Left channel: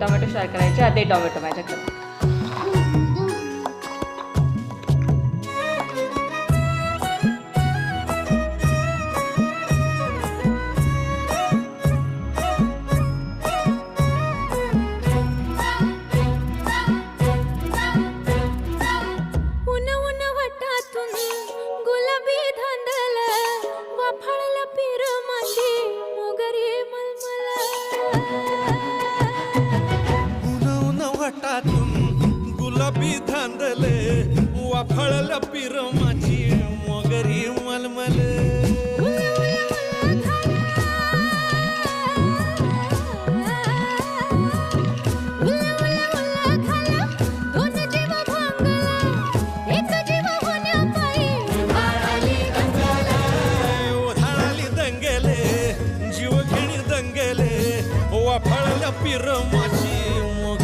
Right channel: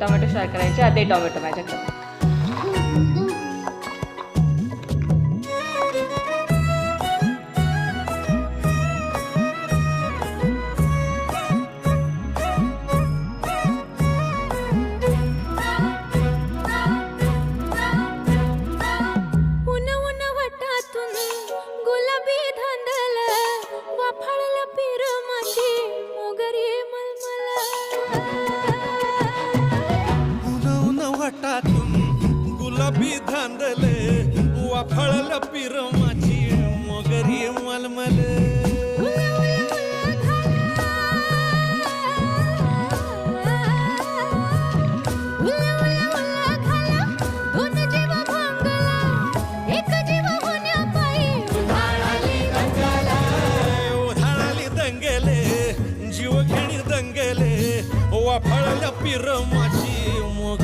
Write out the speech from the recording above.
Tomato fry करायचे. आधी tomato माझ्याकडे. गुलाबी धांदल वाफाळला पिर माझी मोगरी मलमल. उन उन वाटातून गुलाबी धांदले वाफाळला पिर माझी मोगरी मलमल. जीव घेणी दंगेले वाफाळल्या पिर माझी मोग